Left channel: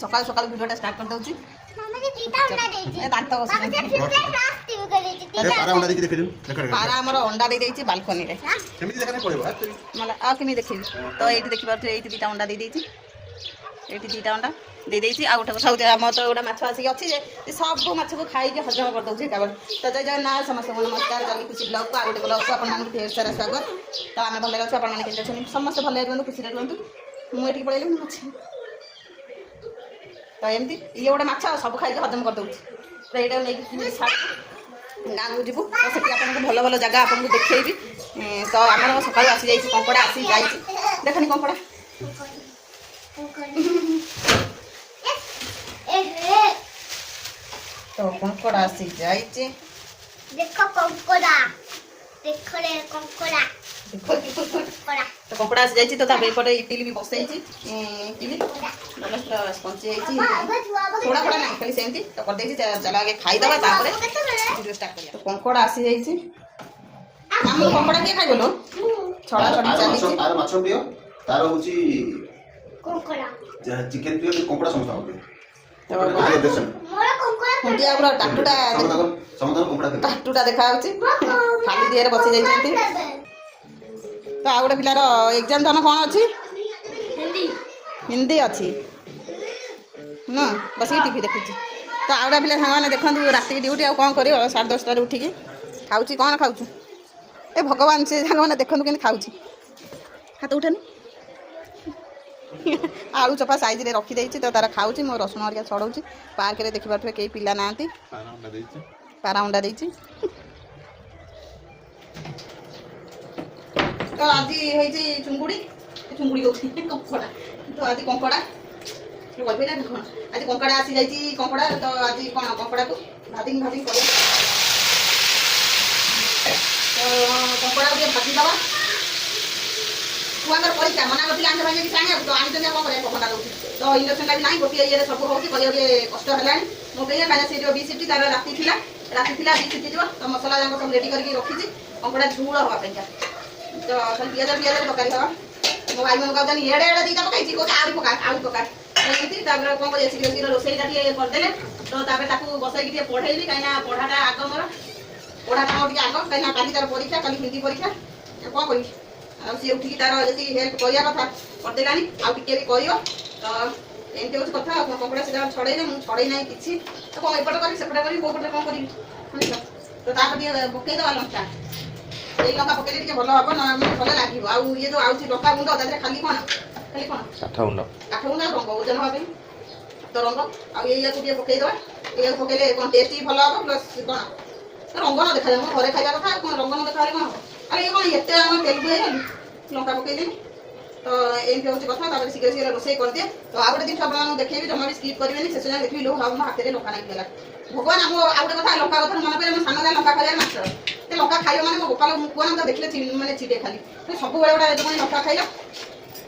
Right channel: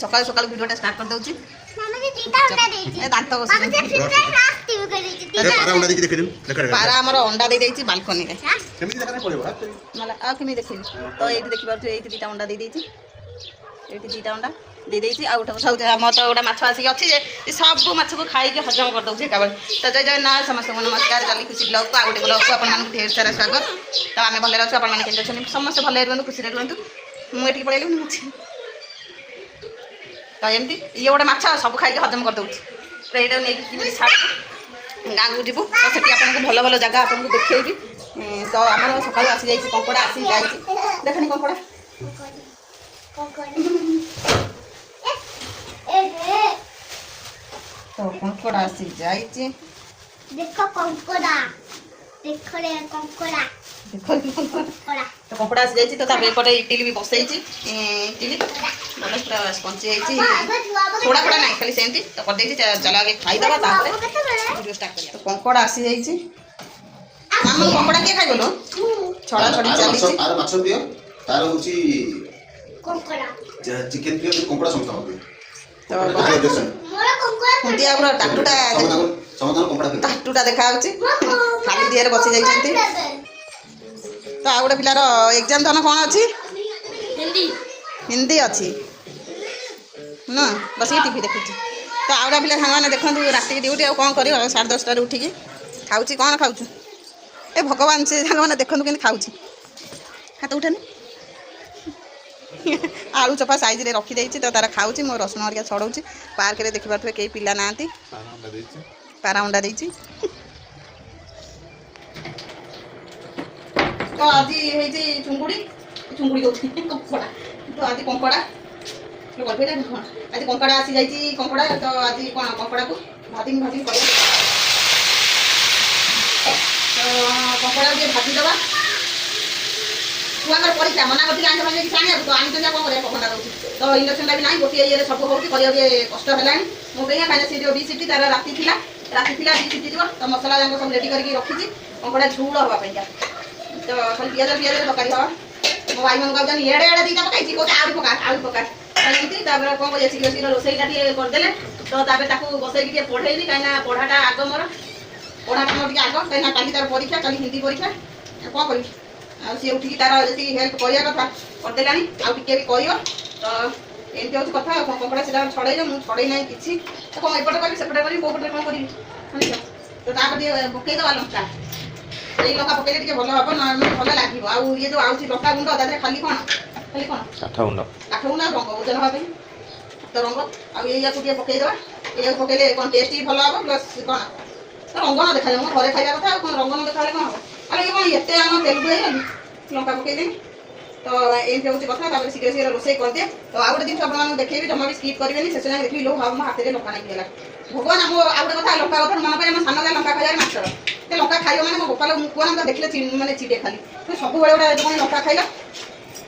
सकाल सकाल वीडियोटा स्टार्ट कर दउची मामा जी तीता अंडा देछि ए दांत बस मामा जी फिर क्लास टीवी कर देछि अरे पारा अंडा देखि देखेदिन लेकर पारा हमर अंडा दे देछि बालकनी रे केमिति देखा नै पड़िबो मला आ केमि देखि तो एठी देखि बार एठी तीता अंडा दे देछि एठी तीता अंडा दे देछि आ उठा सब हम तो ओडा माछ आसी अछि जे सब माछ को खाई के हजम कर दउछि काबल तो जय जय ना समस्त नमस्कार जल्दी खुशी ब्लॉग को आउटे ब्लॉग को अपन मान ढेर सारा स्वागत तो आमे भले रहछु अपन मान केन छनि समस्त भले रहनु खुशी रहनु मु एठी पळेलु नि तो एमती ये गोटे माछ सब खाई हजम कर दूँ तो यहाँ नहीं छाड़ गाँव को जीवु तो से आपको भल भल जगह आपको देखी तो आम सकाल आसी जाइए कंकड़ा आसी जाइए देखनी कंकड़ा तो कंकड़ा आसी जाइए देखो कंकड़ा देखो रे कंकड़ा तो कपड़ा आसी जाइए तो एपटे इटिली भी बसई इटिली मतलब पूरा स्पंची थोड़ा थोड़ा ना खाली सेमती तो कर देछि चलो आगे खाईदबा वीडियो स्टार्ट करिया तो कंकड़ा आसी जाइए मामा कंकड़ा के खाइबो लो छड़ा छड़ी चली छि तार माछ दियो तार होची कंकड़ा चिकन दियो कंकड़ा समता होबे तो मोर कंकड़ा कुंटिया पूरा टाटुटा समाधान कंकड़ा टाटुटा देखा होछि खाली दिएर बसी जाइछन्ती तो आ गोटे पिलार एग्जाम धन कौन अच्छी हिंदी हिंदी अच्छी ना बस ये टीवी देखुची तो आ गोटे पिला सांग मैंने देखु राति ड्यूटी आउ कौन कर 10:30 उठिकी खाऊँ कौन खाऊ ए भगवान से सांग मैंने देखु कि खाऊँ हाथ उठेनि आलू चपा साइज रे रखी देछि तो तार खाऊँ मो रसुण हरिया छड़ाऊँ पार्क रे देखि पारथुबे केही पिला नांती पारा अंडा देछि तो आज चुंगुड़ी चुंगुड़ी कंकड़ा तो आज कंकड़ा आज कंकड़ा आसी जाइए कंकड़ा तो आज कौन कंकड़ा को भाजी भाजी कर तो कंकड़ा के भाजीदवा छुआ परीक्षा मना कर आंठ भाजी किसी आने तो आनी कौन कर पकड़ा दूसरी तो इंडक्शन भी ना गोटे ये सब हो कष्ट है मो कहीं से जो बीसीटी तार राति थी बीसीटी जो तो मसला जाक सब रेडी करके रखी कंकड़ा झूल हाँपाई तो खाली पियाज पियाज तरकारी हाँ मो भाई मन कहते एड़े एड़े दीटा पकई आलू पका एमती कौन कर शीघ्र शीघ्र रोसईटा करदे तो बसई पढ़ेबी कहीं पढ़ाटा आग मोर पढ़ा कम टे आग कहीं कल तार परीक्षा कल हिंदी परीक्षा कौन करी सी उठिकी तार जी हेल्प करवा कथा करदेला आउ टे भी कर तो एमती हूँ कथा कंकड़ा से छड़े मुझे छड़े ना कि तो कौन एपटे करी सेपटे करी कौपटे कौन करी तो पकईदवा लंका लंका पकड़े भल हम ना भल लगे आउ ये जो आउची लंका गुंड खाली कौन काठ गुंड रंग ओजन हाँ तो रंग आगे पकईदे ये पकड़े कौन टेस्ट भल हम प्लस कौन तो रंग न देखा जाए घर खाଇବା कथा कौन रंग न देखा कौन हम अरे ये कौन ये आम तेलुगु है लंका पकईदे तो एमती हूँ कथा शीघ्र शीघ्र रोसे करदे तो आ गए जिन आप देखेबी जमा भी स्किप करेंगे शेष जाए देखिए लो हम हाथ में लंका नहीं गला भगवान आम आ गए कथा लंका कथा मन करें सान लंका खाइबार मास्टर ते लंका खाइब मैंने मो गोपाल मुकुआ तो देखले मैंने चिड़े खाली तो सब गोटे लंका खाइला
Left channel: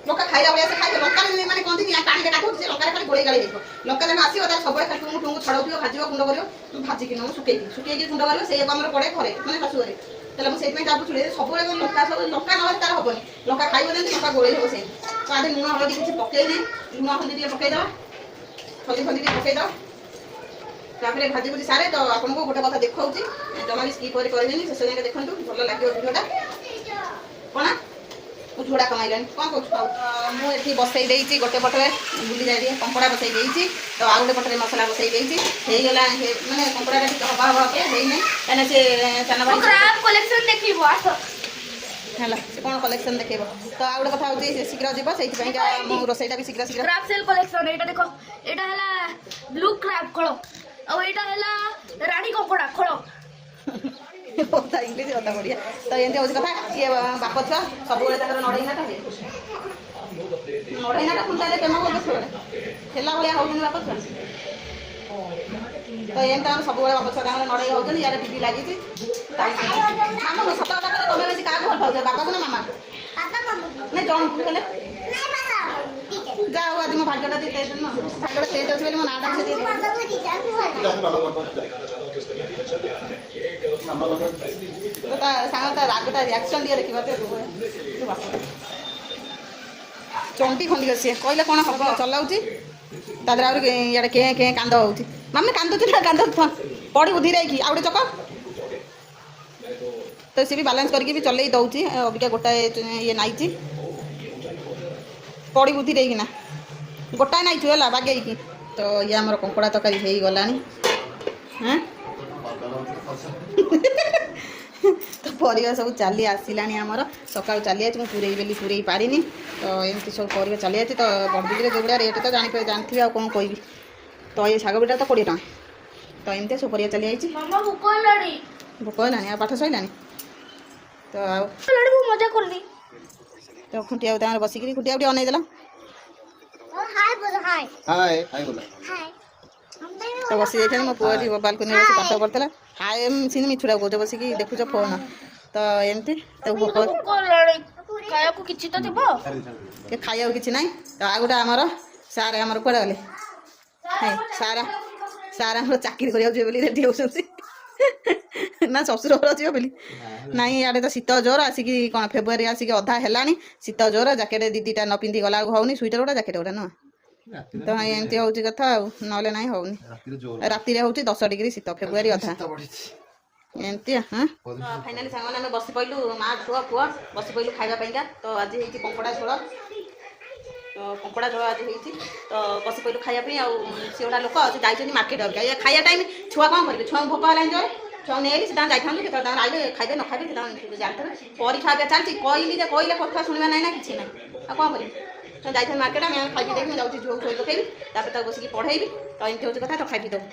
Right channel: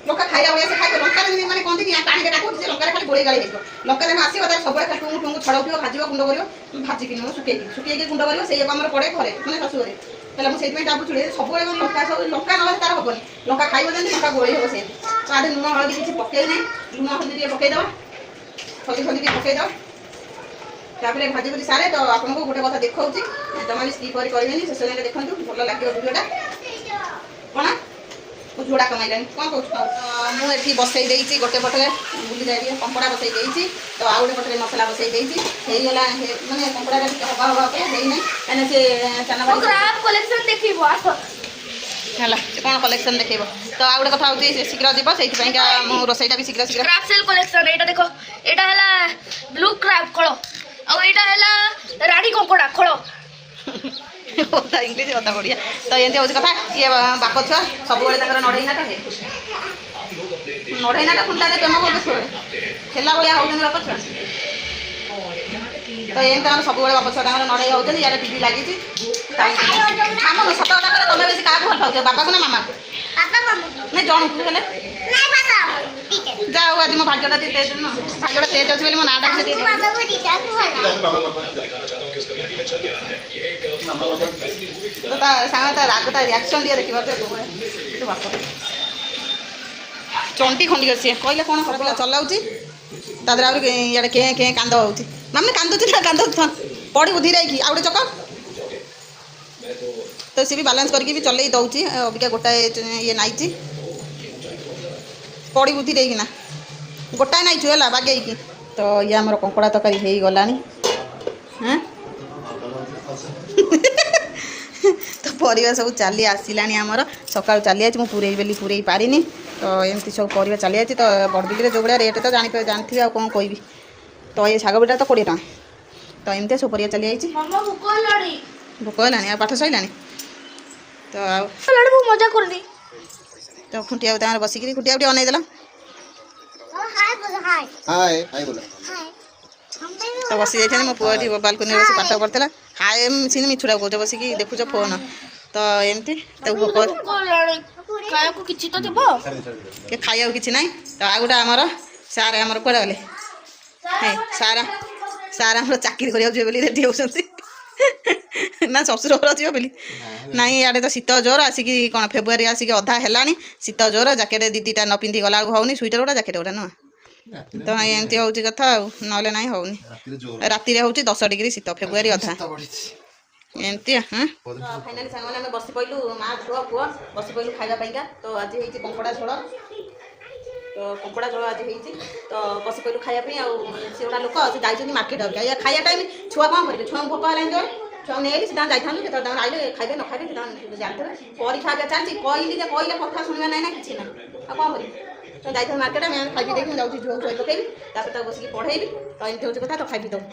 लंका खाइला भाई से खाइबे लंका मैंने कहते हैं पानी डाक लंका खाली गोड़े गाड़ी हो लंका जब आसो सब टुंगु टुंगु छड़ाऊ भाज गुंड कर भाजिक शुके गुंड कर से पड़े घरे मैंने शशुरे ताले मुझे छुड़े सब लंका सब लंका ना तार हेनी लंका खाइब जमी लंका गोड़े हम से तो आधे लुण हल्दी किसी पकई ना लुण हल्दी पकईदे हल्दी हल्दी पकईदे तापर भाजी भुजी सारे तो आपको गोटे कथा देखा जमा भी स्किप करेंगे शेष जाए देखो भल लगे भिडियोटा कौन झोड़ा कमाइलानी कौन कौन मुझे बसई देती गोटे पटे बुली जाए कंकड़ा बसई देती तो आउ गोटे पटे मसला बसई देती मानने कंकड़ा हवा हवा कहीं से कलेक्शन देखिबो है कौन कलेक्शन देखेब तो आ गए कथा हूँ शीघ्र जीव से रोसईटा भी शीघ्र शीघ्र क्रैप सेल कलेक्शन एटा देखो एटा हला ब्लू क्रैप खळो और एटा हला रानी कंकड़ा खळो इंग्लीश कथा बढ़िया तो एमती हूँ कथा ये बाप छुआ सब नड़ईनाटा नड़ईनाटा खुंटा प्रेम कर खेला भाया होती बाप छुआ तो एमती सब बाप छुआ नड़ई होती इे टीवी लगी आम सत कथा तुम बेस क्या भल पाच बापा को ना मामा नहीं जन को जाओ आज मो भाग्यटा तेज भाग्यटा तेज अच्छे मो नाटा सांग रागटा रिएक्शन दिए देखा चंटी खंडी सी कहले कौन पिला चलाऊँ ତା ଦେହରେ ଆହୁରି ଇଆଡ଼େ କେଁ କେଁ କାନ୍ଦ ହେଉଛି ମାନେ କାନ୍ଦୁଛି ନା କାନ୍ଦ ପଡ଼ିବୁ ଧୀରେ ହେଇକି ଆଉ ଗୋଟେ ଚକ ତ ସିଏ ବି ବାଲାନ୍ସ କରିକି ବି ଚଲେଇ ଦେଉଛି ଅବିକା ଗୋଟାଏ ଇଏ ନାଇଛି ପଡ଼ିବୁ ଧୀରେ ହେଇକିନା ଗୋଟାଏ ନାଇଛୁ ହେଲା ବାଗେଇକି ତ ଇଏ ଆମର କଙ୍କଡ଼ା ତରକାରୀ ହେଇଗଲାଣି ହାଁ ତ ପରିବା ସବୁ ଚାଲି ଆସିଲାଣି ଆମର ସକାଳୁ ଚାଲି ଆସିଛି ମୁଁ ପୁରେଇ ବେଲି ପୁରେଇ ପାରିନି ତ ଏମିତି ସବୁ ପରିବା ଚାଲି ଆସିଛି ତ ବଡ଼ବିଲିରେ ଯେଉଁ ଭଳିଆ ରେଟ୍ ତ ଜାଣିଥିବେ ଆଉ କ'ଣ କହିବି ତ ଏ ଶାଗ ବିଟା ତ 20 ଟଙ୍କା ତ ଏମିତି ସବୁ ପରିବା ଚାଲି ଯାଇଛି ମାମା ଭୋକ ହେଲାଣି ଭୋକ ହେଲାଣି ଆଉ ପାଠ ସରିଲାଣି ତ ଆଉ ମୁଁ ମଜା କରିନି ତ ଖୁଣ୍ଟିଆ ତାଙ୍କର ବସିକିରି ଖୁଣ୍ଟିଆ ଟିକେ ଅନେଇ ଦେଲା ହାଏ ହାଏ ବୋଲା ତ ବସି ଯାଇଛନ୍ତି ମୋ ପୁଅ ଏଠି ବାଲକୋନିରେ ବସି ପାଠ ପଢ଼ୁଥିଲା ହାଏ ସିନି ମିଛୁଡ଼ା କହୁଛ ବସିକି ଦେଖୁଛ ଫୋନ୍ ତ ଏମିତି ତାକୁ ଭୋକ ହେଲାଣି ଖାଇବାକୁ କିଛି ତ ଥିବ କି ଖାଇବାକୁ କିଛି ନାହିଁ ତ ଆଉ ଗୋଟେ ଆମର ସାର୍ ଆମର କୁଆଡ଼େ ଗଲେ ହେ ସାର୍ ଆମର ଚାକିରି କରିବାକୁ ଯିବେ ବୋଲି ରେଡ଼ି ହେଉଛନ୍ତି ନା ଶ୍ୱଶୁର ଘର ଯିବ ବୋଲି ନାଇଁ ଇଆଡ଼େ ତ ଶୀତ ଜୋର ଆସିକି କ'ଣ ଫେବୃଆରୀ ଆସିକି ଅଧା ହେଲାଣି ଶୀତ ଜୋର ଜ୍ୟାକେଟ୍ 2-2ଟା ନ ପିନ୍ଧି ଗଲା ବେଳକୁ ହେଉନି ସ୍ୱିଟର୍ ଗୁଡ଼ା ଜ୍ୟାକେଟ୍ ଗୁଡ଼ା ନୁହଁ ତ ଏମିତି ହେଉଛି କଥା ଆଉ ନହେଲେ ନାହିଁ ହେଉନି ରାତିରେ ହେଉଛି 10 ଡିଗ୍ରୀ ଶୀତ ଫେବୃଆରୀ ଅଧା ଏମିତି ହଁ ଫାଇନାଲି ସାଙ୍ଗମାନେ ଆମେ ବସି ପଡ଼ିଲୁ ମା ପୁଅ ବସି ପଡ଼ିଲୁ ଖାଇବା ପାଇଁକା ତ ଆଜି ହେଇଛି କଙ୍କଡ଼ା ଝୋଳ ତ କଙ୍କଡ଼ା ଝୋଳ ଆଜି ହେଇଛି ତ ବସି ପଡ଼ିଲୁ ଖାଇବା ପାଇଁ ଆଉ ସେ ଗୋଟା ଲୋକ ସେ ଯାଇଛନ୍ତି ମାର୍କେଟ ଏ ଖାଇବା ଟାଇମ୍ ଛୁଆ କ'ଣ କରିବେ ଛୁଆଙ୍କୁ ଭୋକ ହେଲାଣି ଜୋରେ ଛୁଆ ନେଇକି ସେ ତାଙ୍କୁ ଯାଇଥାନ୍ତୁ କେତେବେଳେ ତାଙ୍କୁ ଆଇଲେ ଖାଇବେ ନ ଖାଇବେ ସେ ତାଙ୍କୁ ଜାଣିଥିବେ ପରୀକ୍ଷା ଏବେ ଚାଲିଛି କହିଲେ କଥା ଶୁଣିବା ନାହିଁ ନା କିଛି ନାହିଁ ଆଉ କ'ଣ କରିବି ତ ଯାଇଥାନ୍ତି ମାର୍କେଟ ଆମେ ଖାଇକି ଦେଇକି ଯାଉଛି ଝିଅକୁ ଶୋଇ ପକେଇବି ତାପରେ ତାକୁ ବସିକି ପଢ଼େଇବି ତ ଏମିତି ହେଉଛି କଥା ତ ଖାଇବି ଦେବୁ